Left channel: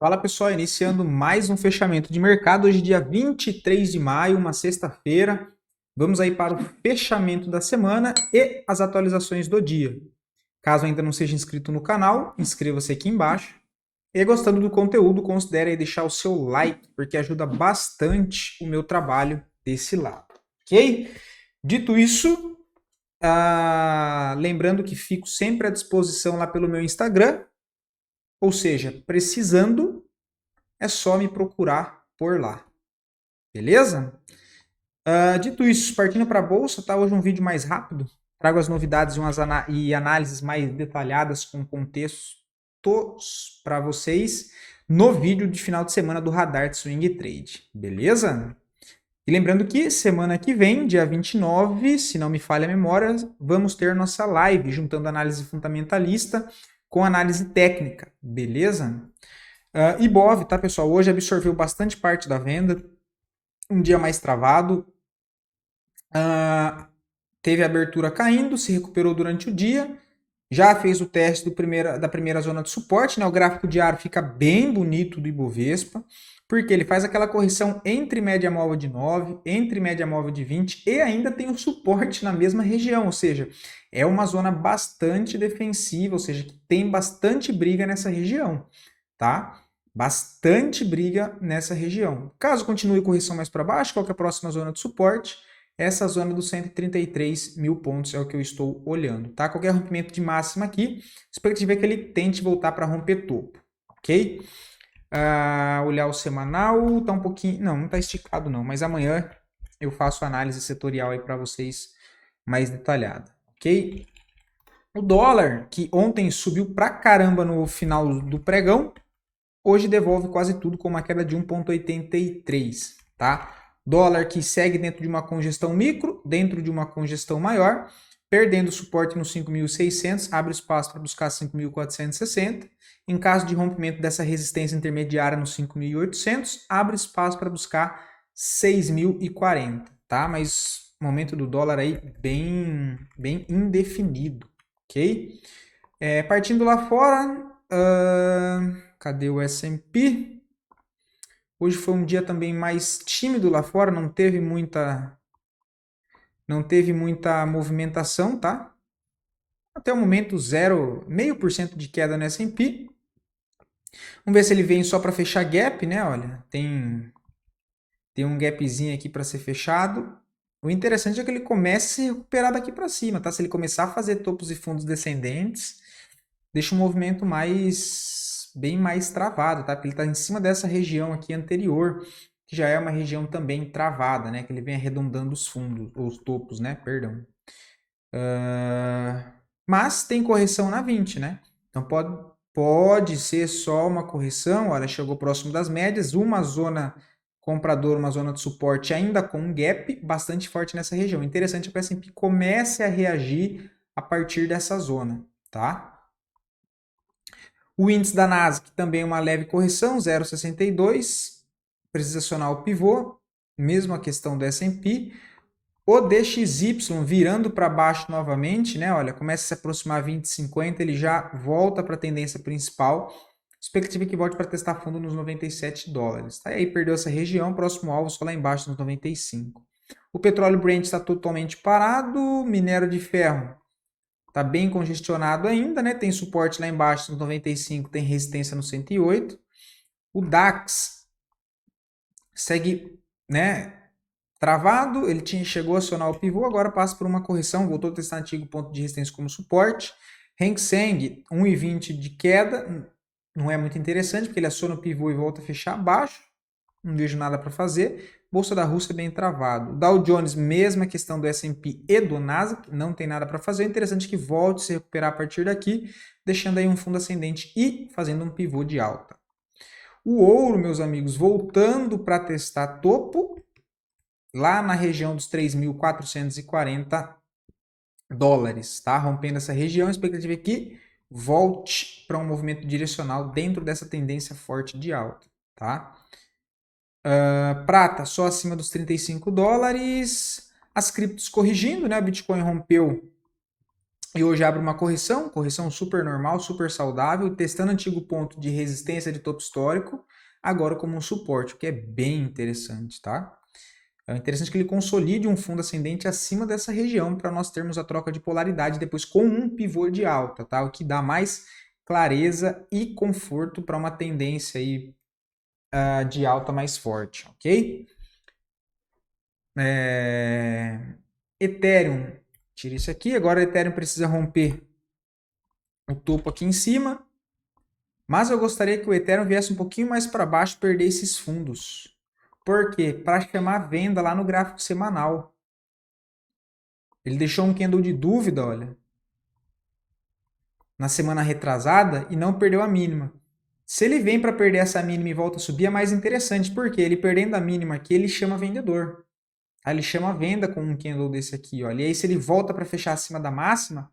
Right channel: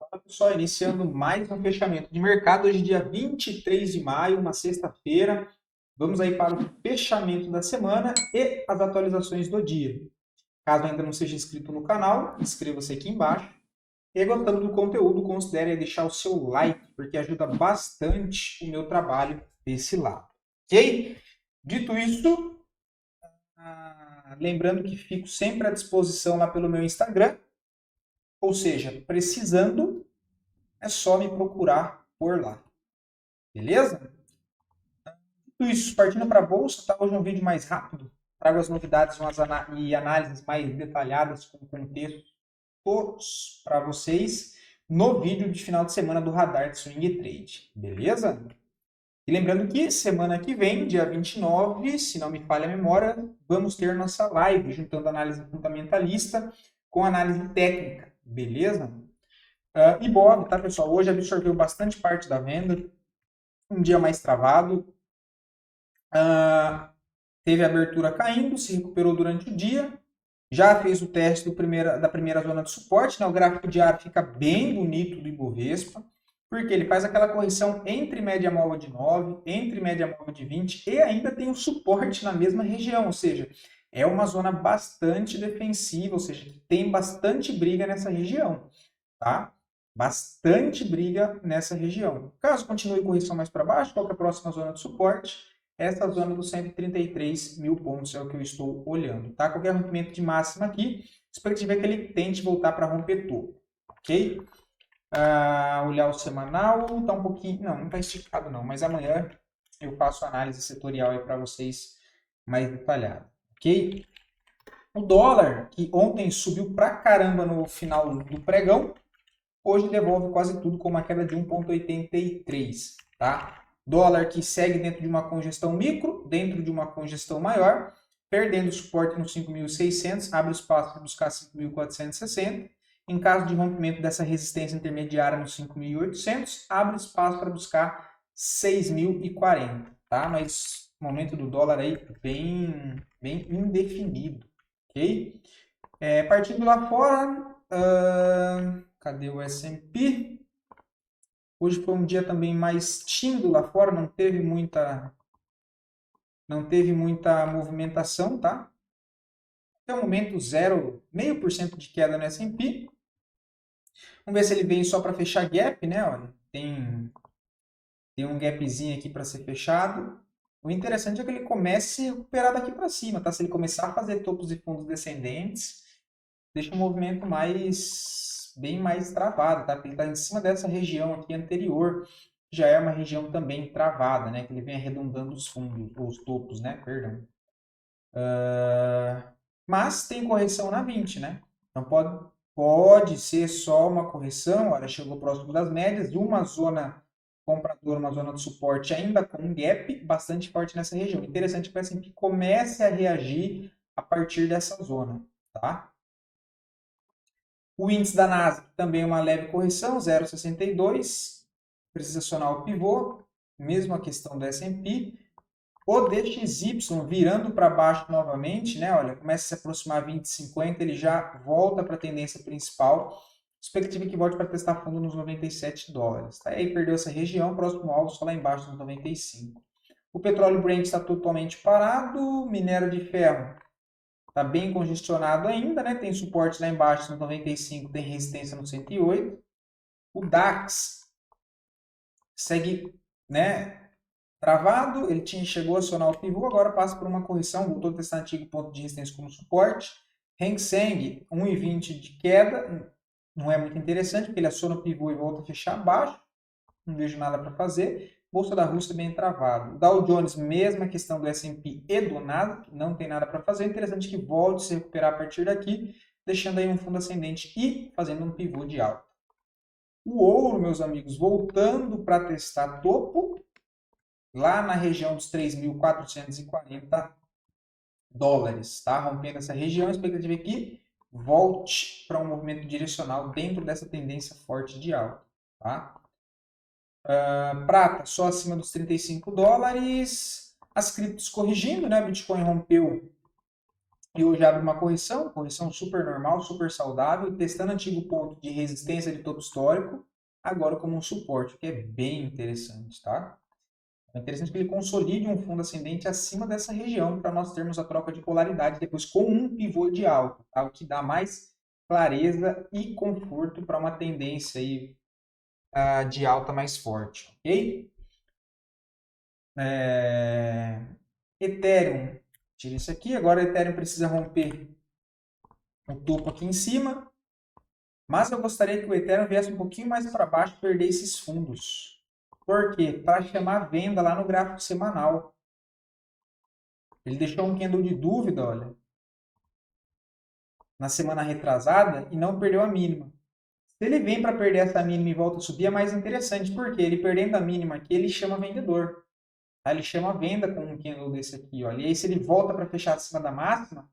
Fala pessoal, iniciando mais um fechamento de mercado, hoje dia 23 de maio, uma sexta-feira. Vamos aí para o fechamento da semana e as atualizações do dia. Caso ainda não seja inscrito no canal, inscreva-se aqui embaixo. E gostando do conteúdo, considere aí deixar o seu like, porque ajuda bastante o meu trabalho desse lado, ok? Dito isso, lembrando que fico sempre à disposição lá pelo meu Instagram, ou seja, precisando é só me procurar por lá. Beleza? Dito isso, partindo para a bolsa, tá? Hoje um vídeo mais rápido. Trago as novidades e análises mais detalhadas com contextos para vocês no vídeo de final de semana do Radar de Swing Trade. Beleza? E lembrando que semana que vem, dia 29, se não me falha a memória, vamos ter nossa live juntando análise fundamentalista com análise técnica. Beleza? Ibov, tá, pessoal? Hoje absorveu bastante parte da venda. Um dia mais travado. Teve a abertura caindo, se recuperou durante o dia. Já fez o teste da primeira zona de suporte. Né? O gráfico diário fica bem bonito do Ibovespa. Porque ele faz aquela correção entre média móvel de 9, entre média móvel de 20 e ainda tem o suporte na mesma região. Ou seja, é uma zona bastante defensiva, ou seja, que tem bastante briga nessa região. Tá? Bastante briga nessa região. Caso continue correção mais para baixo, qual que é a próxima zona de suporte? Essa zona dos 133 mil pontos é o que eu estou olhando. Tá? Qualquer rompimento de máxima aqui, expectativa é que ele tente voltar para romper topo. Ok? Olhar o semanal, tá um pouquinho... Não tá esticado não, mas amanhã eu faço análise setorial aí para vocês mais detalhada. Ok? O dólar, que ontem subiu pra caramba no final do pregão, hoje devolve quase tudo com uma queda de 1,83, tá? Dólar que segue dentro de uma congestão micro, dentro de uma congestão maior, perdendo suporte no 5.600, abre espaço para buscar 5.460. Em caso de rompimento dessa resistência intermediária no 5.800, abre espaço para buscar 6.040, tá? Mas o momento do dólar aí bem indefinido, ok? Partindo lá fora, cadê o S&P? Hoje foi um dia também mais tímido lá fora, não teve muita movimentação, tá? Até o momento, 0,5% de queda no S&P. Vamos ver se ele vem só para fechar gap, né? Olha, tem um gapzinho aqui para ser fechado. O interessante é que ele comece a se recuperar daqui para cima, tá? Se ele começar a fazer topos e fundos descendentes, deixa o movimento bem mais travado, tá? Porque ele está em cima dessa região aqui anterior, que já é uma região também travada, né? Que ele vem arredondando os fundos, ou os topos, né? Perdão. Mas tem correção na 20, né? Então pode ser só uma correção, olha, chegou próximo das médias, uma zona compradora, uma zona de suporte ainda com um gap bastante forte nessa região. Interessante é que o S&P comece a reagir a partir dessa zona, tá? O índice da Nasdaq também é uma leve correção, 0,62. Precisa acionar o pivô, mesmo a questão do S&P. O DXY virando para baixo novamente, né? Olha, começa a se aproximar 20,50, ele já volta para a tendência principal. Expectativa que volte para testar fundo nos 97 dólares. Tá? E aí perdeu essa região, próximo alvo só lá embaixo nos 95. O petróleo Brent está totalmente parado, minério de ferro está bem congestionado ainda, né? Tem suporte lá embaixo no 95, tem resistência no 108. O DAX segue, né, travado, ele chegou a acionar o pivô, agora passa por uma correção, voltou a testar antigo ponto de resistência como suporte. Hang Seng, 1,20 de queda, não é muito interessante, porque ele aciona o pivô e volta a fechar abaixo, não vejo nada para fazer. Bolsa da Rússia bem travado. Dow Jones, mesma questão do S&P e do Nasdaq, não tem nada para fazer. É interessante que volte a se recuperar a partir daqui, deixando aí um fundo ascendente e fazendo um pivô de alta. O ouro, meus amigos, voltando para testar topo, lá na região dos 3.440 dólares, tá? Rompendo essa região, a expectativa é que volte para um movimento direcional dentro dessa tendência forte de alta, tá? Prata só acima dos 35 dólares. As criptos corrigindo, né? O Bitcoin rompeu E hoje abre uma correção super normal, super saudável, testando antigo ponto de resistência de topo histórico, agora como um suporte, o que é bem interessante, tá? É interessante que ele consolide um fundo ascendente acima dessa região para nós termos a troca de polaridade depois com um pivô de alta, tá? O que dá mais clareza e conforto para uma tendência aí, de alta mais forte, ok? Ethereum, tira isso aqui. Agora o Ethereum precisa romper o topo aqui em cima. Mas eu gostaria que o Ethereum viesse um pouquinho mais para baixo e perder esses fundos. Por quê? Para chamar venda lá no gráfico semanal. Ele deixou um candle de dúvida, olha, na semana retrasada e não perdeu a mínima. Se ele vem para perder essa mínima e volta a subir, é mais interessante, porque ele perdendo a mínima aqui, ele chama vendedor. Tá? Ele chama a venda com um candle desse aqui, olha. E aí, se ele volta para fechar acima da máxima,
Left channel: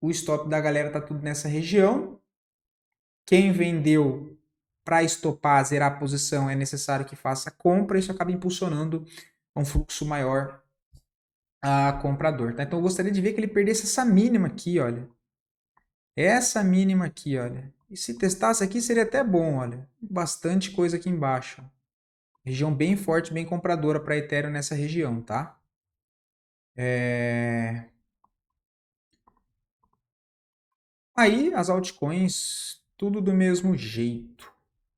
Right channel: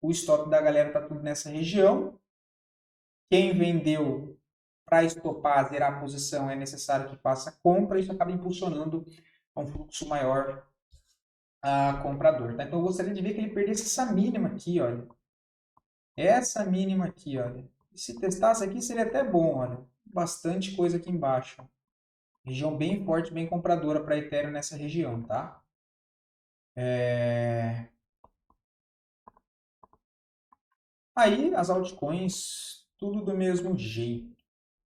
o stop da galera tá tudo nessa região. Quem vendeu para estopar, zerar a posição, é necessário que faça compra. Isso acaba impulsionando um fluxo maior a comprador. Tá? Então, eu gostaria de ver que ele perdesse essa mínima aqui, olha. Essa mínima aqui, olha. E se testasse aqui, seria até bom, olha. Bastante coisa aqui embaixo. Região bem forte, bem compradora para Ethereum nessa região, tá? Aí, as altcoins, tudo do mesmo jeito.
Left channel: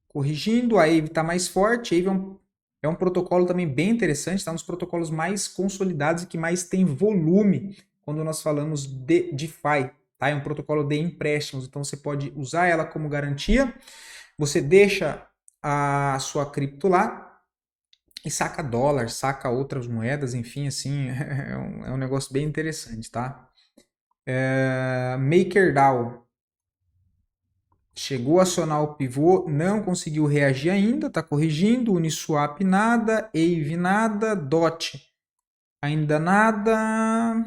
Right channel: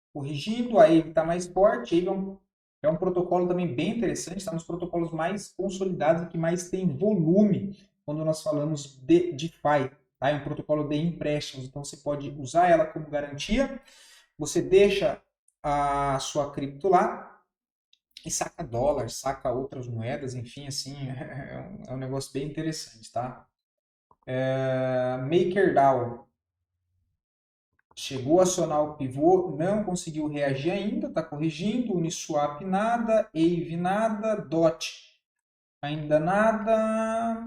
Corrigindo, a Aave está mais forte. A Aave é um protocolo também bem interessante, está nos protocolos mais consolidados e que mais tem volume quando nós falamos de DeFi. Tá? É um protocolo de empréstimos, então você pode usar ela como garantia. Você deixa a sua cripto lá e saca dólar, saca outras moedas, enfim, assim, é um negócio bem interessante, tá? MakerDAO chegou a acionar o pivô, não conseguiu reagir ainda, está corrigindo. Uniswap nada, Aave nada, DOT ainda nada.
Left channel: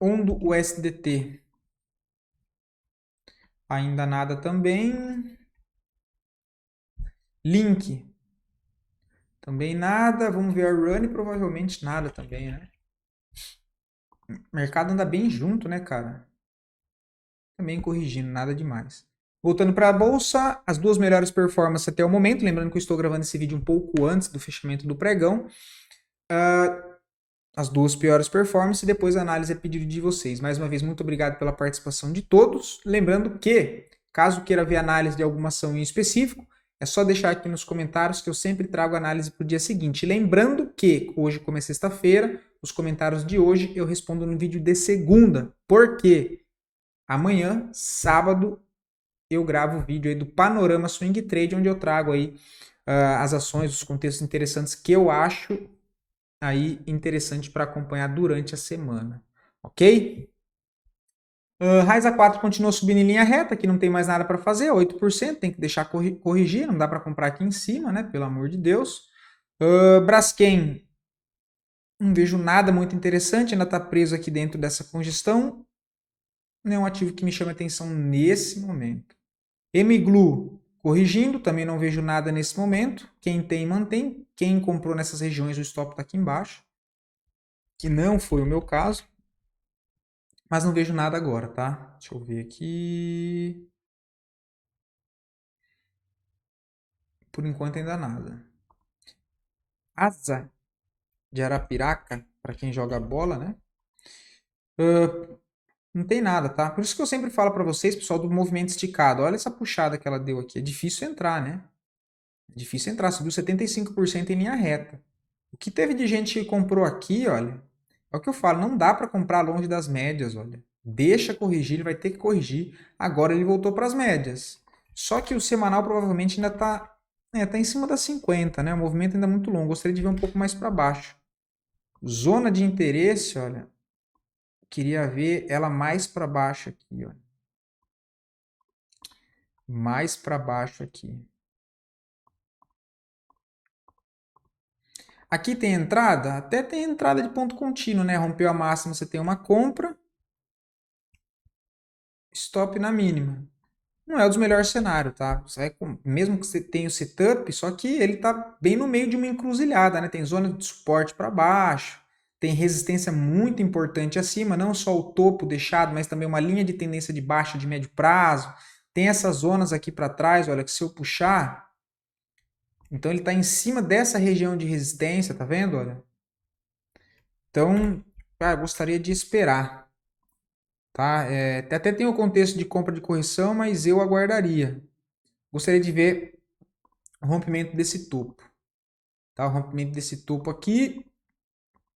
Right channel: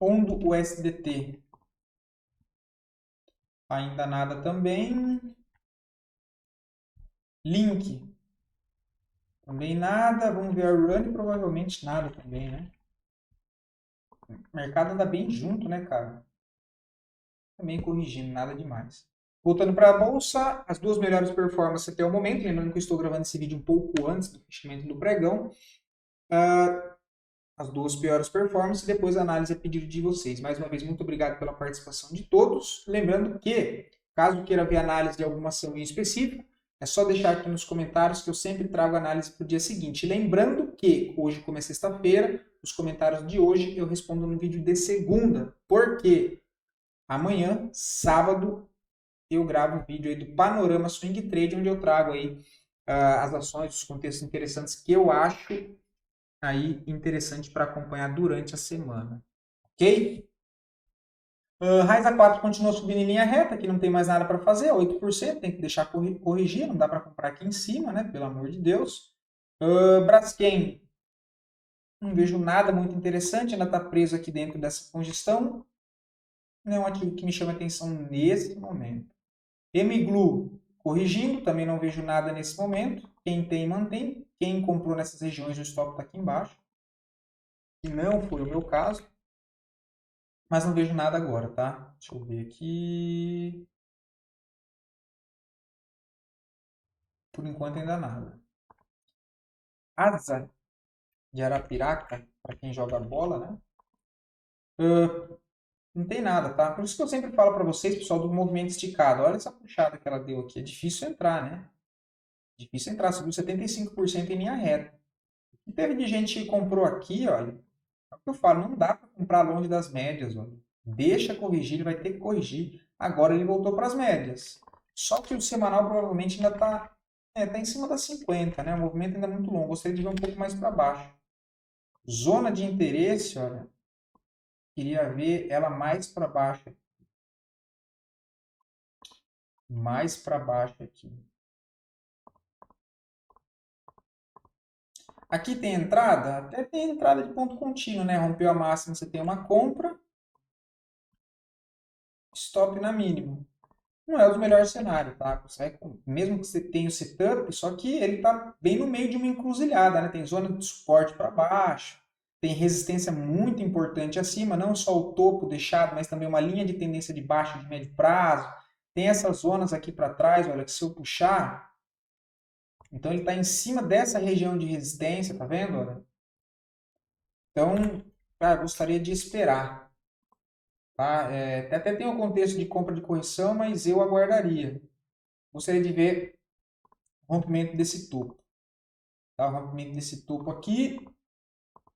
Ondo USDT ainda nada também. Link também nada. Vamos ver a Run, provavelmente nada também, né? O mercado anda bem junto, né, cara? Também corrigindo, nada demais. Voltando para a bolsa, as duas melhores performances até o momento. Lembrando que eu estou gravando esse vídeo um pouco antes do fechamento do pregão. As duas piores performances e depois a análise a pedido de vocês. Mais uma vez, muito obrigado pela participação de todos. Lembrando que, caso queira ver análise de alguma ação em específico, é só deixar aqui nos comentários que eu sempre trago análise para o dia seguinte. Lembrando que hoje, como é sexta-feira, os comentários de hoje eu respondo no vídeo de segunda. Por quê? Amanhã, sábado, eu gravo o vídeo aí do Panorama Swing Trade, onde eu trago aí as ações, os contextos interessantes que eu acho aí interessante para acompanhar durante a semana, ok? Raiza 4 continua subindo em linha reta, aqui não tem mais nada para fazer, 8%, tem que deixar corrigir, não dá para comprar aqui em cima, né? Pelo amor de Deus. Braskem, não vejo nada muito interessante, ainda está preso aqui dentro dessa congestão. Não é um ativo que me chama atenção nesse momento. Mglu, corrigindo, também não vejo nada nesse momento. Quem tem, mantém. Quem comprou nessas regiões, o stop está aqui embaixo. Que não foi o meu caso. Mas não vejo nada agora, tá? Deixa eu ver aqui. Por enquanto ainda nada. Asa de Arapiraca, para quem joga bola, né? Não tem nada, tá? Por isso que eu sempre falo para vocês, pessoal, do movimento esticado. Olha essa puxada que ela deu aqui. É difícil entrar, né? É difícil entrar. Subiu 75% em linha reta. O que teve de gente que comprou aqui, olha, é o que eu falo, não dá para comprar longe das médias, olha. Deixa corrigir, ele vai ter que corrigir. Agora ele voltou para as médias. Só que o semanal provavelmente ainda tá em cima das 50, né? O movimento ainda é muito longo. Gostaria de ver um pouco mais para baixo. Zona de interesse, olha, queria ver ela mais para baixo aqui, ó. Mais para baixo aqui. Aqui tem entrada? Até tem entrada de ponto contínuo, né? Rompeu a máxima, você tem uma compra. Stop na mínima. Não é o dos melhores cenários, tá? Mesmo que você tenha o setup, só que ele tá bem no meio de uma encruzilhada, né? Tem zona de suporte para baixo, tem resistência muito importante acima, não só o topo deixado, mas também uma linha de tendência de baixa de médio prazo. Tem essas zonas aqui para trás, olha, que se eu puxar, então ele está em cima dessa região de resistência, tá vendo? Olha. Então, cara, gostaria de esperar, tá? Até tem o contexto de compra de correção, mas eu aguardaria. Gostaria de ver o rompimento desse topo, tá? O rompimento desse topo aqui,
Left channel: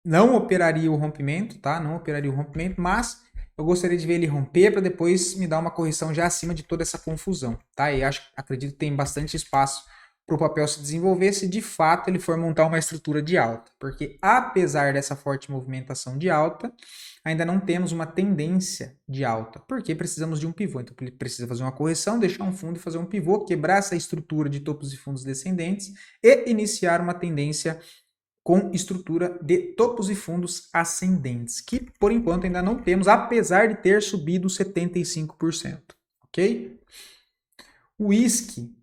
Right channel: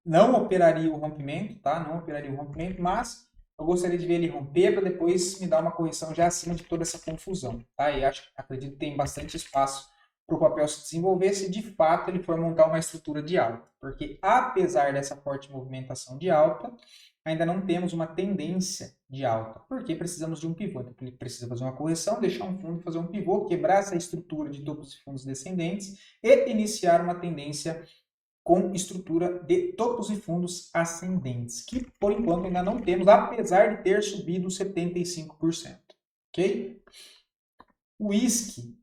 não operaria o rompimento, tá? Não operaria o rompimento, mas eu gostaria de ver ele romper para depois me dar uma correção já acima de toda essa confusão, tá? E acredito que tem bastante espaço para o papel se desenvolver se de fato ele for montar uma estrutura de alta, porque apesar dessa forte movimentação de alta, ainda não temos uma tendência de alta, porque precisamos de um pivô. Então, ele precisa fazer uma correção, deixar um fundo e fazer um pivô, quebrar essa estrutura de topos e fundos descendentes e iniciar uma tendência com estrutura de topos e fundos ascendentes, que por enquanto ainda não temos, apesar de ter subido 75%. Ok? O whisky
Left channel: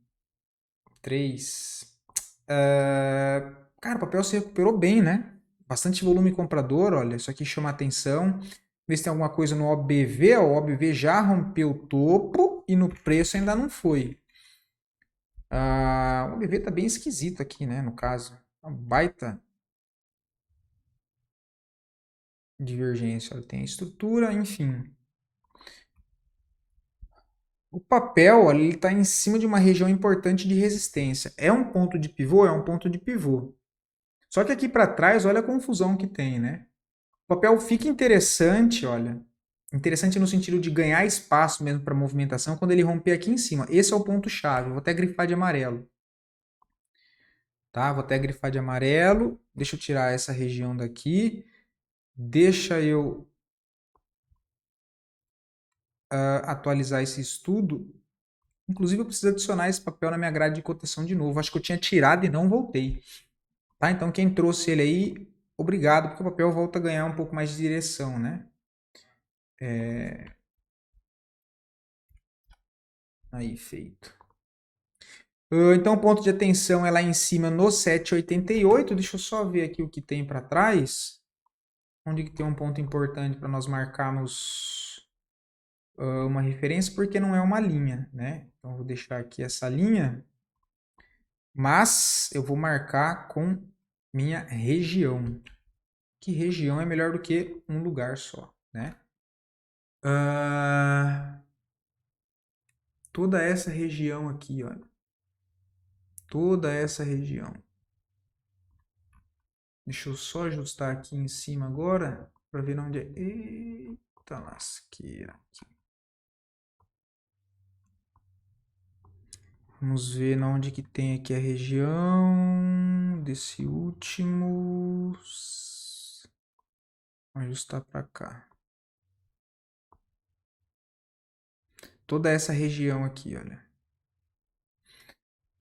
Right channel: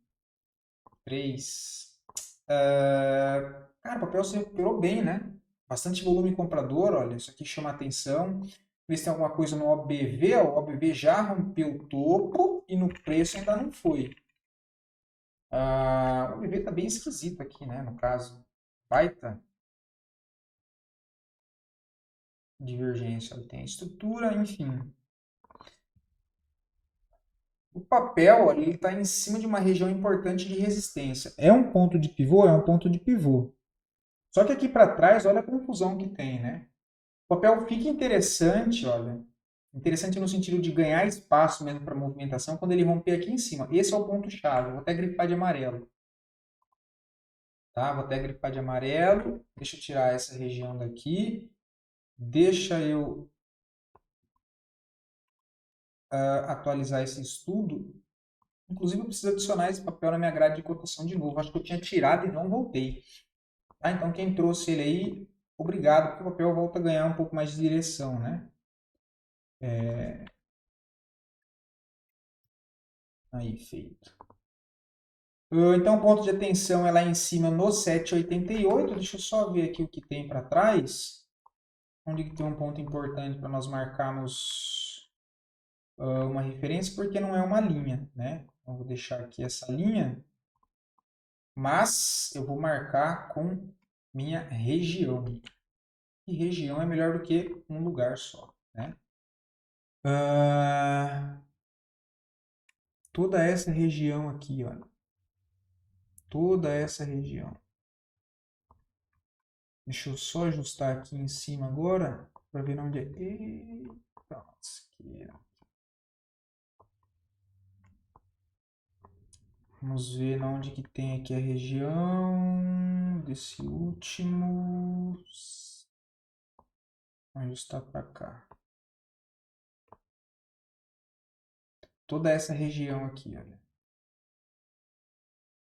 3. Cara, o papel se recuperou bem, né? Bastante volume comprador, olha, isso aqui chama atenção. Vê se tem alguma coisa no OBV, ó, o OBV já rompeu o topo e no preço ainda não foi. O OBV tá bem esquisito aqui, né, no caso. Uma baita divergência, olha, tem a estrutura, enfim. O papel, olha, ele está em cima de uma região importante de resistência. É um ponto de pivô? É um ponto de pivô. Só que aqui para trás, olha a confusão que tem, né? O papel fica interessante, olha. Interessante no sentido de ganhar espaço mesmo para movimentação quando ele romper aqui em cima. Esse é o ponto-chave. Vou até grifar de amarelo. Tá? Vou até grifar de amarelo. Deixa eu tirar essa região daqui. Deixa eu atualizar esse estudo. Inclusive, eu preciso adicionar esse papel na minha grade de cotação de novo. Acho que eu tinha tirado e não voltei. Tá? Então, quem trouxe ele aí, obrigado, porque o papel volta a ganhar um pouco mais de direção, né? Aí, feito. Então, o ponto de atenção é lá em cima no 7,88. Deixa eu só ver aqui o que tem para trás. Onde que tem um ponto importante para nós marcarmos uma referência, porque não é uma linha, né? Então, eu vou deixar aqui essa linha, mas eu vou marcar com minha região. Que região é melhor do que um lugar só, né? Toda essa região aqui, olha. Toda essa região. Deixa eu só ajustar aqui em cima agora para ver onde é. Eita lasqueira. Vamos ver onde que tem aqui a região desse último. Vou ajustar para cá. Toda essa região aqui, olha.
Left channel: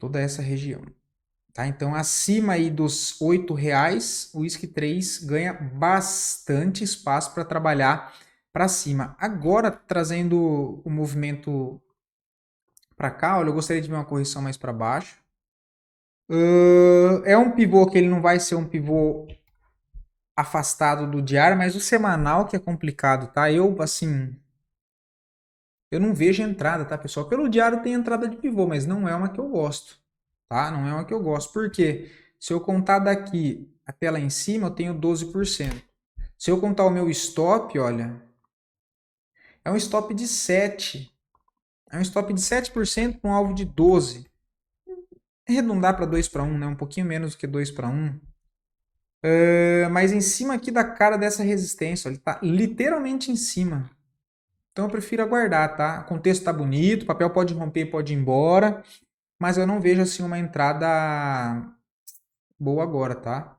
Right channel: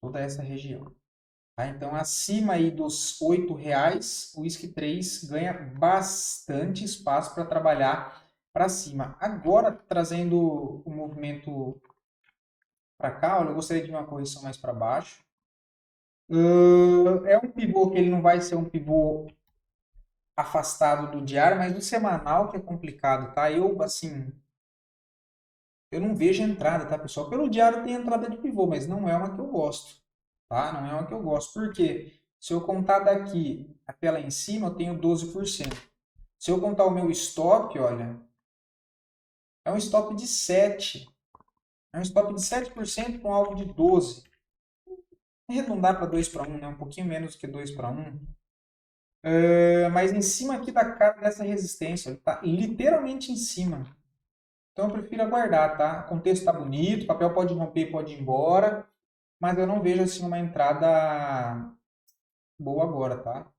Toda essa região. Tá? Então, acima aí dos R$ 8, o Whisky 3 ganha bastante espaço para trabalhar para cima. Agora, trazendo o movimento para cá, olha, eu gostaria de ver uma correção mais para baixo. É um pivô que ele não vai ser um pivô afastado do diário, mas o semanal que é complicado, tá? Eu não vejo entrada, tá, pessoal? Pelo diário tem entrada de pivô, mas não é uma que eu gosto, tá? Não é uma que eu gosto. Por quê? Se eu contar daqui até lá em cima, eu tenho 12%. Se eu contar o meu stop, olha, é um stop de 7. É um stop de 7% com um alvo de 12. Arredondar para 2 para 1, né? Um pouquinho menos do que 2 para 1. Mas em cima aqui da cara dessa resistência, ele está literalmente em cima. Então eu prefiro aguardar, tá? O contexto está bonito, o papel pode romper, pode ir embora, mas eu não vejo assim uma entrada boa agora, tá?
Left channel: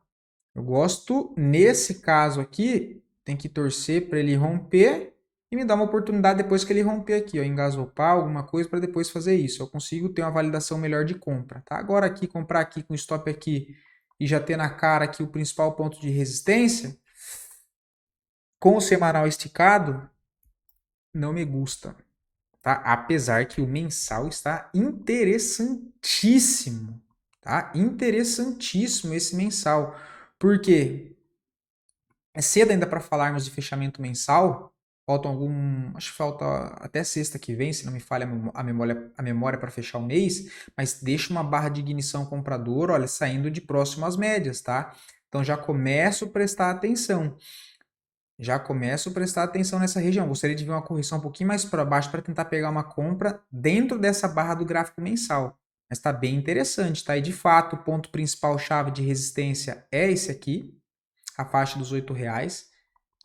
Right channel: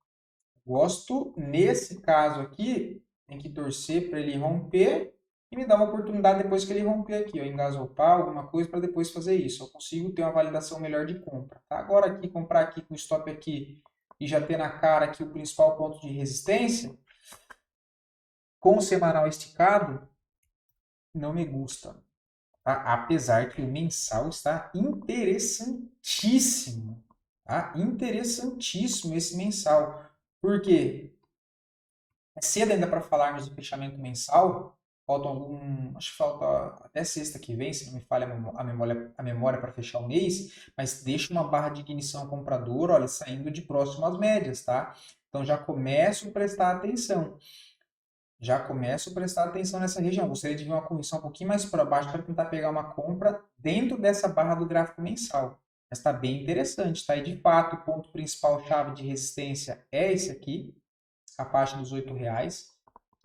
Eu gosto, nesse caso aqui, tem que torcer para ele romper e me dar uma oportunidade depois que ele romper aqui, ó, engasopar alguma coisa para depois fazer isso. Eu consigo ter uma validação melhor de compra, tá? Agora aqui, comprar aqui com stop aqui e já ter na cara aqui o principal ponto de resistência, com o semanal esticado, não me gusta, tá? Apesar que o mensal está interessantíssimo, tá? Interessantíssimo esse mensal. Por quê? É cedo ainda para falarmos de fechamento mensal. Acho que falta até sexta que vem, se não me falha a memória para fechar o mês, mas deixa uma barra de ignição comprador, olha, saindo de próximo às médias, tá? Então já começo a prestar atenção. Já começo a prestar atenção nessa região. Gostaria de ver uma correção um pouquinho mais para baixo para tentar pegar uma compra dentro dessa barra do gráfico mensal. Mas está bem interessante, tá? E de fato, o ponto principal chave de resistência é esse aqui, a faixa dos R$ 8,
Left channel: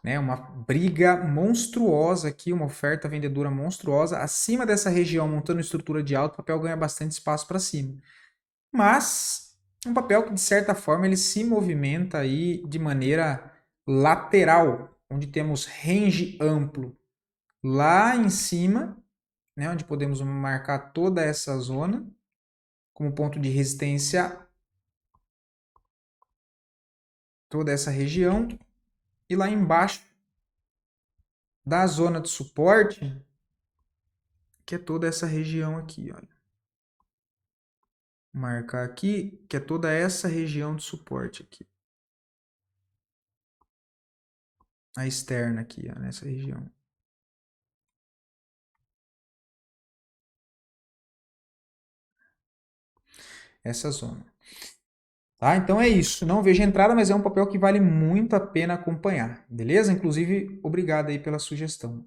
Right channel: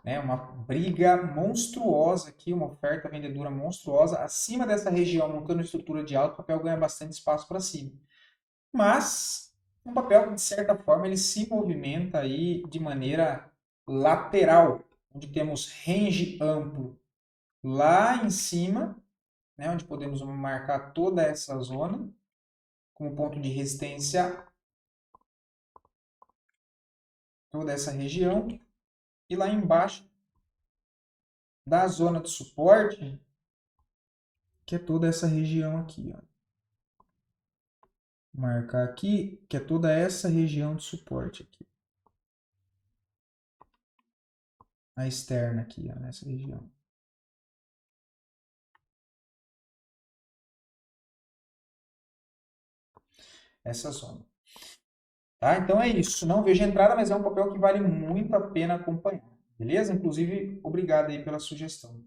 né? Uma briga monstruosa aqui, uma oferta vendedora monstruosa acima dessa região, montando estrutura de alta, o papel ganha bastante espaço para cima. Mas um papel que de certa forma ele se movimenta aí de maneira lateral, onde temos range amplo lá em cima, né, onde podemos marcar toda essa zona como ponto de resistência, toda essa região, e lá embaixo da zona de suporte, que é toda essa região aqui, olha. Marcar aqui, que é toda essa região de suporte aqui. A externa aqui, ó, nessa região. Essa zona. Tá? Então é isso. Não vejo entrada, mas é um papel que vale muito a pena acompanhar. Beleza? Inclusive, obrigado aí pela sugestão.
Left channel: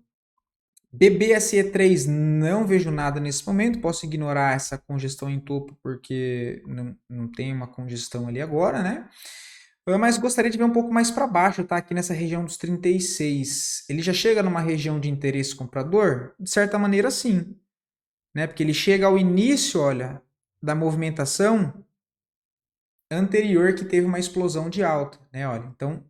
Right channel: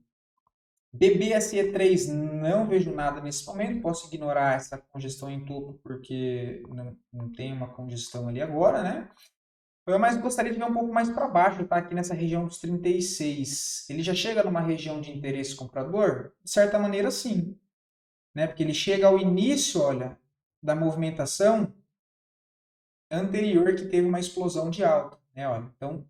BBSE3, não vejo nada nesse momento. Posso ignorar essa congestão em topo, porque não tem uma congestão ali agora, né? Mas gostaria de ver um pouco mais para baixo, tá? Aqui nessa região dos 36. Ele já chega numa região de interesse comprador? De certa maneira, sim. Né? Porque ele chega ao início, olha, da movimentação anterior que teve uma explosão de alta, né? Olha, então,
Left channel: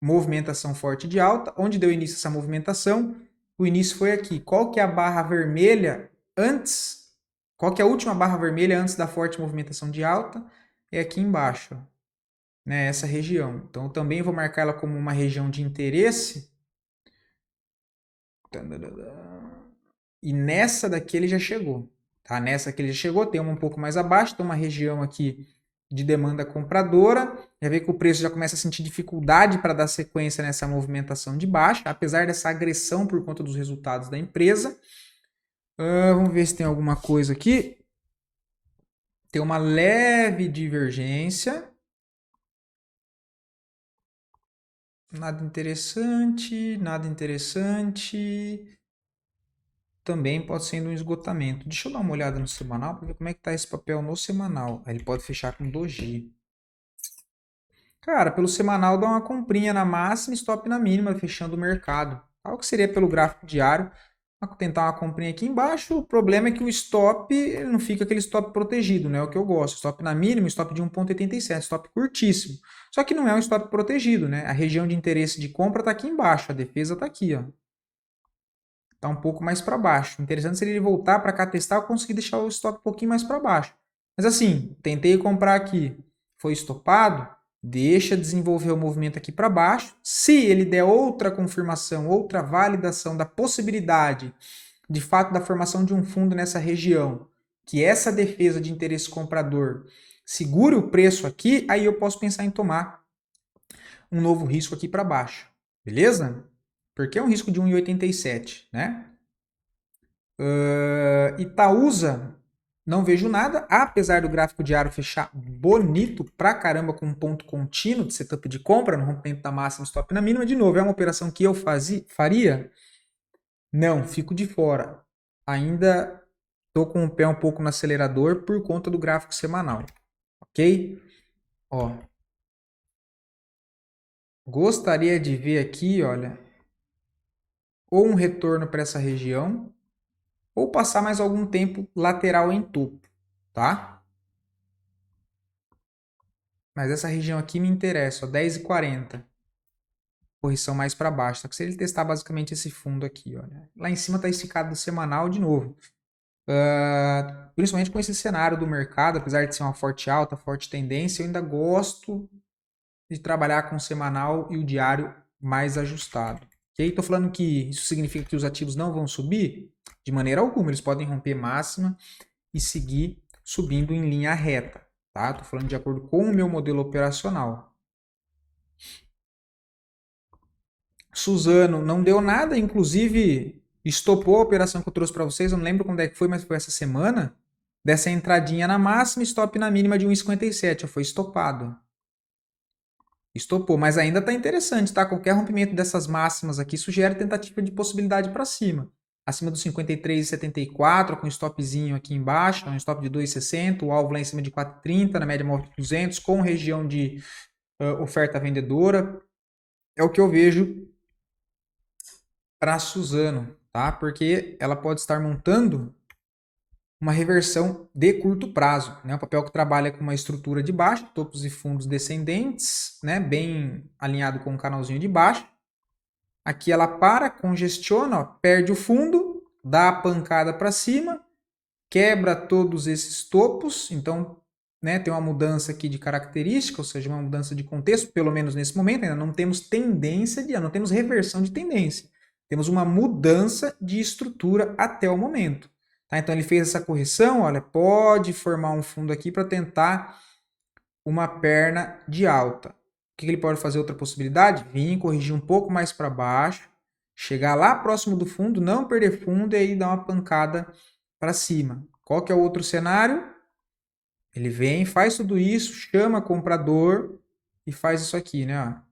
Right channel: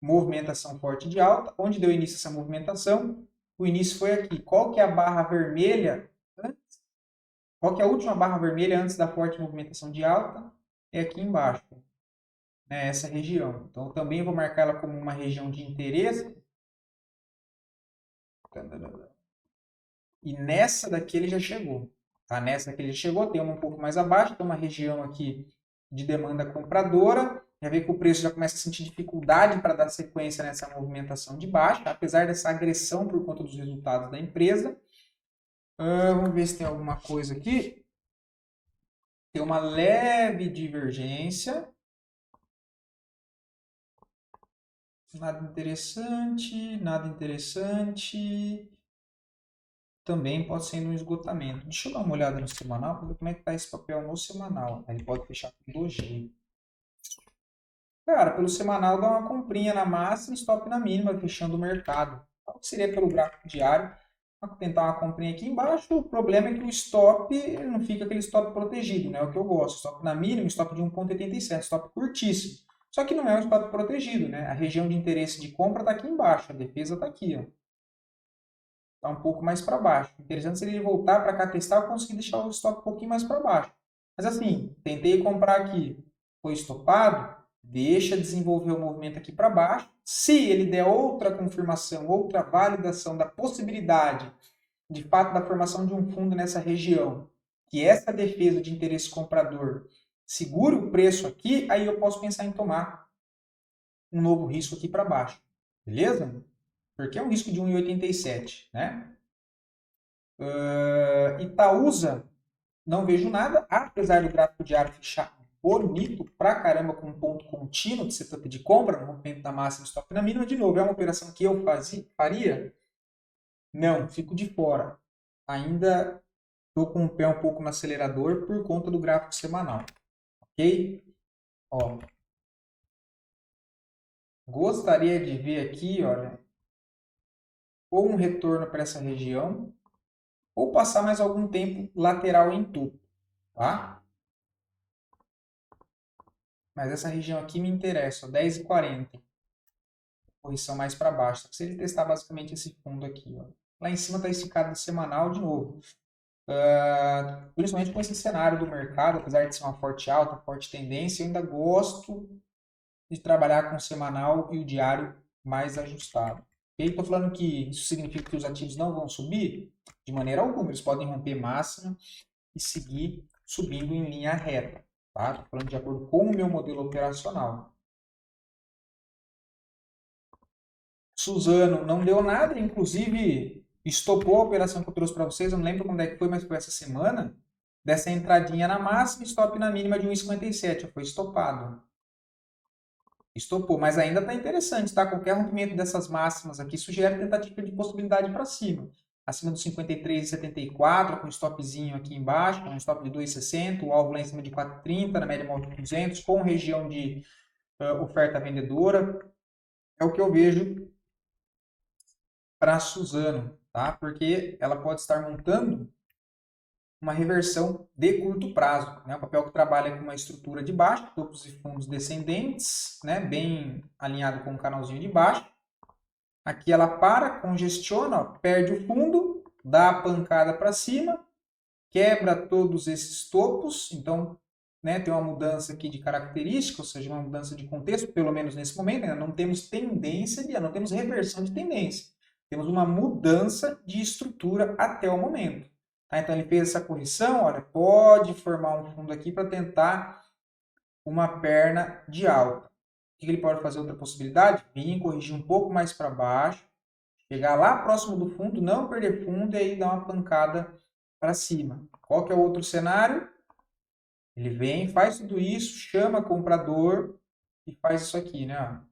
movimentação forte de alta. Onde deu início essa movimentação? O início foi aqui. Qual que é a barra vermelha antes? Qual que é a última barra vermelha antes da forte movimentação de alta? É aqui embaixo, né? Essa região. Então, eu também vou marcar ela como uma região de interesse. E nessa daqui ele já chegou. Tá? Nessa aqui ele já chegou, tem uma um pouco mais abaixo, tem uma região aqui de demanda compradora. Já vê que o preço já começa a sentir dificuldade para dar sequência nessa movimentação de baixa, apesar dessa agressão por conta dos resultados da empresa. Vamos ver se tem alguma coisa aqui. Tem uma leve divergência. Nada interessante, nada interessante. Também pode ser um esgotamento. Deixa eu dar uma olhada no semanal para ver como é que está esse papel no semanal. Ele pode fechar com doji. Cara, pelo semanal dá uma comprinha na máxima e stop na mínima, fechando o mercado. Algo que seria pelo gráfico diário. Vou tentar uma comprinha aqui embaixo. O problema é que o stop ele não fica aquele stop protegido, né? É o que eu gosto. Stop na mínima, stop de 1,87, stop curtíssimo. Só que não é um stop protegido, né? A região de interesse de compra está aqui embaixo, a defesa está aqui, ó. Está um pouco mais para baixo. Interessante seria ele voltar para cá testar, eu conseguir deixar o stop um pouquinho mais para baixo. Mas assim, tentei comprar aqui, foi estopado, deixa desenvolver o movimento aqui para baixo. Se ele der outra confirmação, outra validação da possibilidade, de fato, da formação de um fundo nessa região, que essa defesa de interesse comprador segure o preço aqui, aí eu posso pensar em tomar um novo risco aqui para baixo. Beleza? Porque é um risco de 1,87, né? Itaúsa, não vejo nada, apesar do gráfico diário fechar bonito pra caramba com um ponto contínuo de setup de compra, no rompimento da máxima, stop na mínima. De novo, é uma operação que eu faria? Não, fico de fora. Ainda estou com o pé um pouco no acelerador por conta do gráfico semanal, ok? Ó, gostaria de ver aqui, olha, ou um retorno para essa região, ou passar mais algum tempo lateral em topo, tá? Mas essa região aqui me interessa, ó, 10,40. Correção mais para baixo. Só que se ele testar basicamente esse fundo aqui, olha. Lá em cima está esticado no semanal de novo. Principalmente com esse cenário do mercado, apesar de ser uma forte alta, forte tendência, eu ainda gosto de trabalhar com o semanal e o diário mais ajustado. Ok? Estou falando que isso significa que os ativos não vão subir? De maneira alguma, eles podem romper máxima e seguir subindo em linha reta. Tá? Estou falando de acordo com o meu modelo operacional. Suzano não deu nada, inclusive estopou a operação que eu trouxe para vocês, eu não lembro quando é que foi, mas foi essa semana, dessa entradinha na máxima, stop na mínima de 1,57, foi estopado. Estopou, mas ainda está interessante, tá? Qualquer rompimento dessas máximas aqui sugere tentativa de possibilidade para cima. Acima dos 53,74, com stopzinho aqui embaixo, um stop de 2,60, o alvo lá em cima de 4,30, na média móvel de 200, com região de oferta vendedora. É o que eu vejo para a Suzano, tá? Porque ela pode estar montando uma reversão de curto prazo, né? O papel que trabalha com uma estrutura de baixo, topos e fundos descendentes, né? Bem alinhado com o canalzinho de baixo. Aqui ela para, congestiona, ó, perde o fundo, dá a pancada para cima, quebra todos esses topos, então, né, tem uma mudança aqui de característica, ou seja, uma mudança de contexto, pelo menos nesse momento, ainda não temos não temos reversão de tendência. Temos uma mudança de estrutura até o momento. Tá? Então ele fez essa correção, olha, pode formar um fundo aqui para tentar uma perna de alta. O que ele pode fazer? Outra possibilidade? Vir, corrigir um pouco mais para baixo, chegar lá próximo do fundo, não perder fundo e aí dar uma pancada para cima. Qual que é o outro cenário? Ele vem, faz tudo isso, chama comprador e faz isso aqui, né?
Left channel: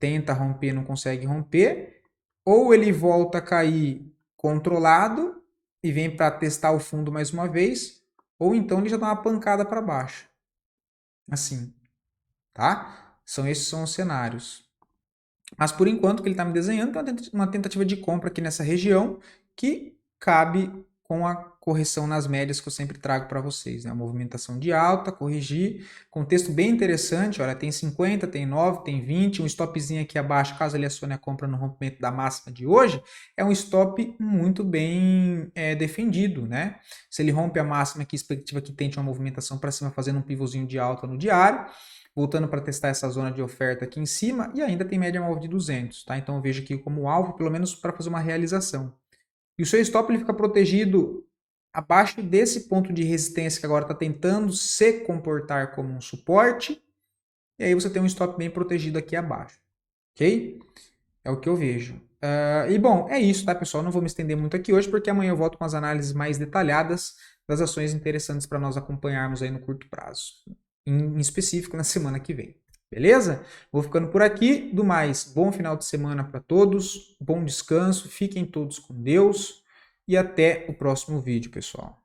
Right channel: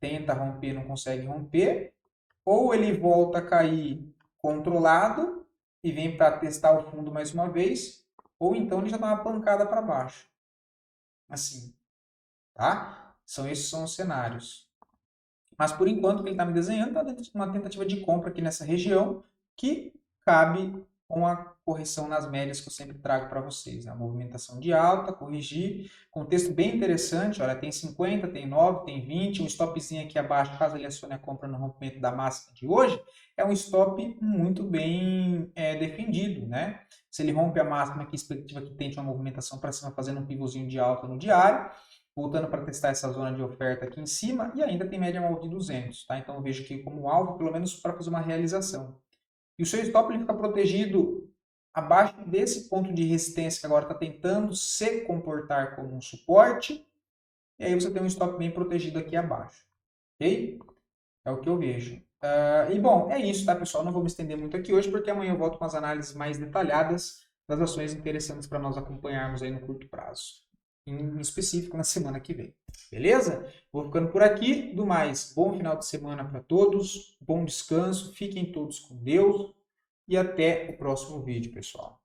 Tenta romper, não consegue romper. Ou ele volta a cair controlado e vem para testar o fundo mais uma vez, ou então ele já dá uma pancada para baixo. Assim, tá? Esses são os cenários. Mas por enquanto o que ele está me desenhando é uma tentativa de compra aqui nessa região que cabe com a correção nas médias que eu sempre trago para vocês. Né? A movimentação de alta, corrigir, contexto bem interessante, olha, tem 50, tem 9, tem 20, um stopzinho aqui abaixo, caso ele acione a compra no rompimento da máxima de hoje, é um stop muito bem defendido, né? Se ele rompe a máxima aqui, expectativa que tente uma movimentação para cima, fazendo um pivôzinho de alta no diário, voltando para testar essa zona de oferta aqui em cima, e ainda tem média móvel de 200, tá? Então eu vejo aqui como alvo, pelo menos para fazer uma realização. E o seu stop ele fica protegido abaixo desse ponto de resistência que agora está tentando se comportar como um suporte, e aí você tem um stop bem protegido aqui abaixo, ok? É o que eu vejo. E bom, é isso, tá, pessoal? Não vou me estender muito aqui hoje, porque amanhã eu volto com as análises mais detalhadas das ações interessantes para nós acompanharmos aí no curto prazo, em específico na semana que vem. Beleza? Vou ficando por aqui. Do mais, bom final de semana para todos, bom descanso, fiquem todos com Deus e até o próximo vídeo, pessoal.